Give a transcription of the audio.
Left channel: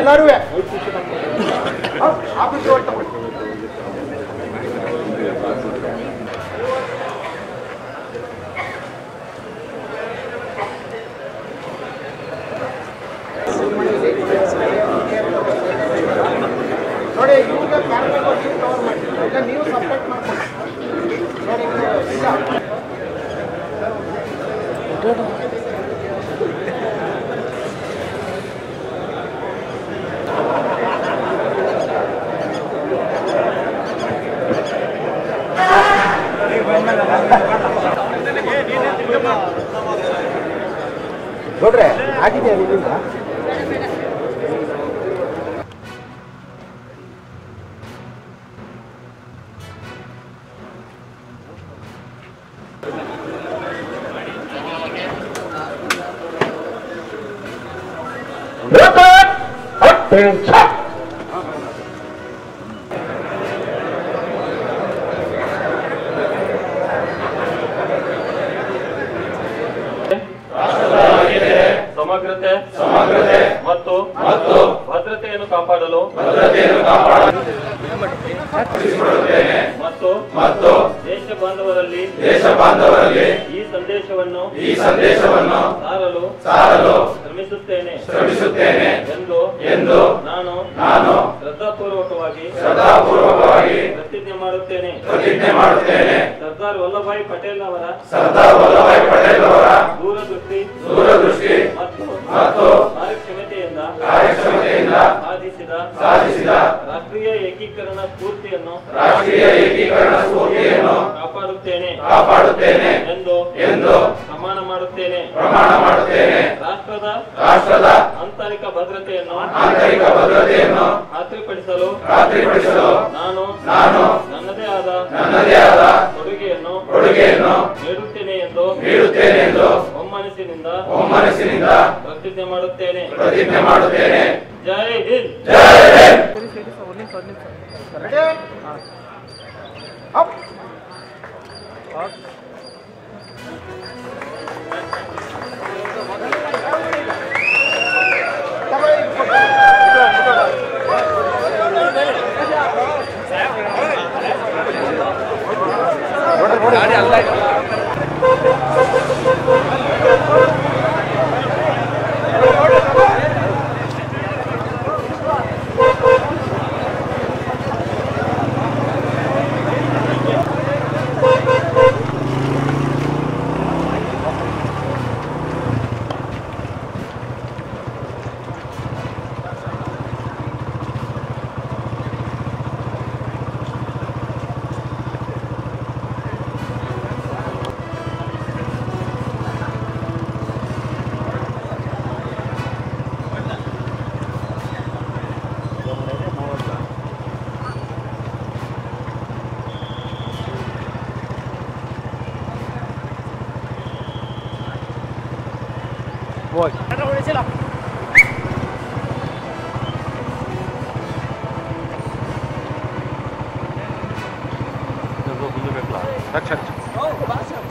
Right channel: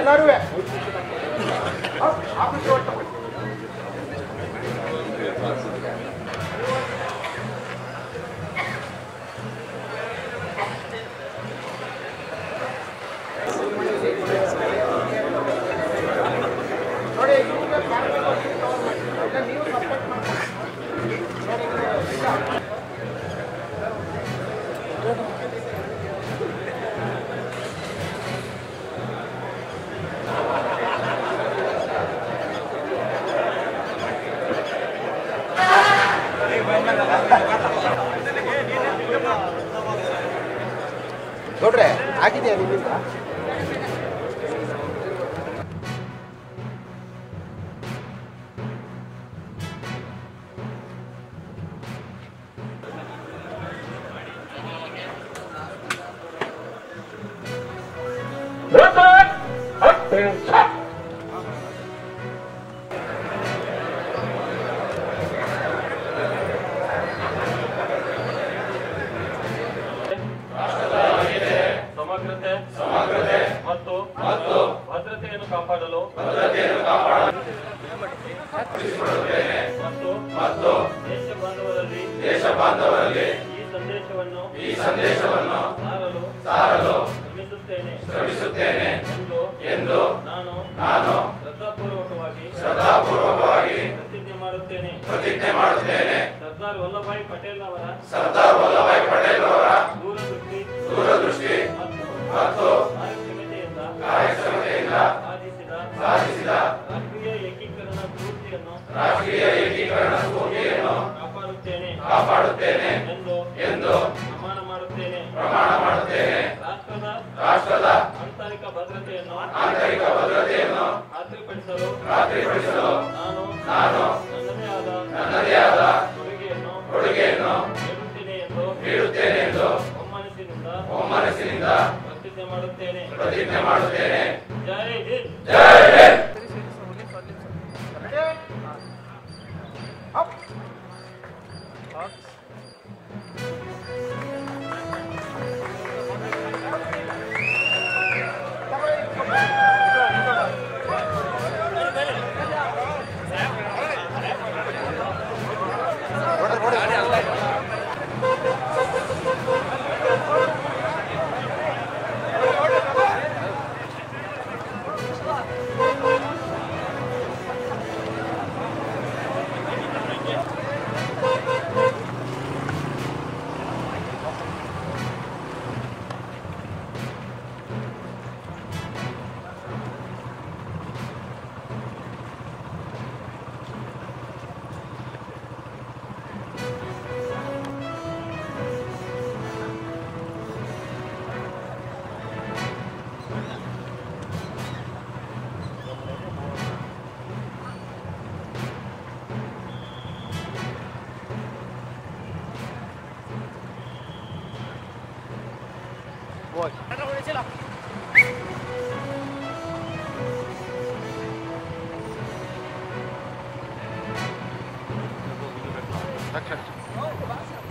ಎಲ್ಲರೂ ನೋಡಿ ನೀವು ಸಪೋರ್ಟ್ ಮಾಡ್ಕೊಳ್ಳಿ. ನೋಡ್ರೆ ಆಗಿದೆಯಾ ನಿಮ್ಮಿಂದ? ಸಮಗ್ರತೆ ಮತ್ತು ಭದ್ರತೆಯನ್ನು ಕಾಪಾಡಲು ಮತ್ತು ದೇಶ ಬಾಂಧವರಲ್ಲಿ ಈ ಸಂದೇಶವನ್ನು ಸಾರಲು ಶ್ರಮಿಸುತ್ತೇನೆ ಎಂದು ನಾನು ಶ್ರದ್ಧಾಪೂರ್ವಕವಾಗಿ ಪ್ರತಿಜ್ಞೆ ಮಾಡುತ್ತೇನೆ. ಸರ್ದಾರ್ ವಲ್ಲಭಾಯಿ ಪಟೇಲ್ ಅವರ ದೂರದೃಷ್ಟಿ ಮತ್ತು ಕಾರ್ಯಕ್ಷಮತೆಯಿಂದ ಸಾಧಿಸಿದ ರಾಷ್ಟ್ರೀಯ ಏಕೀಕರಣ ಸ್ಫೂರ್ತಿಯನ್ನು ಕಾಪಾಡುತ್ತೇನೆ ಎಂದು ಪ್ರಮಾಣ ಮಾಡುತ್ತೇನೆ. ರಾಷ್ಟ್ರದ ಆಂತರಿಕ ಭದ್ರತೆಯನ್ನು ಖಾತ್ರಿಪಡಿಸಲು ನಾನು ನನ್ನದೇ ಆದ ಕೊಡುಗೆಯನ್ನು ನೀಡುತ್ತೇನೆ ಎಂದು ಒಮ್ಮನಸ್ಸಿನಿಂದ ಪ್ರತಿಜ್ಞೆ ಮಾಡುತ್ತೇನೆ. ಜೈ ಹಿಂದ್. Voy. अच्छा अच्छा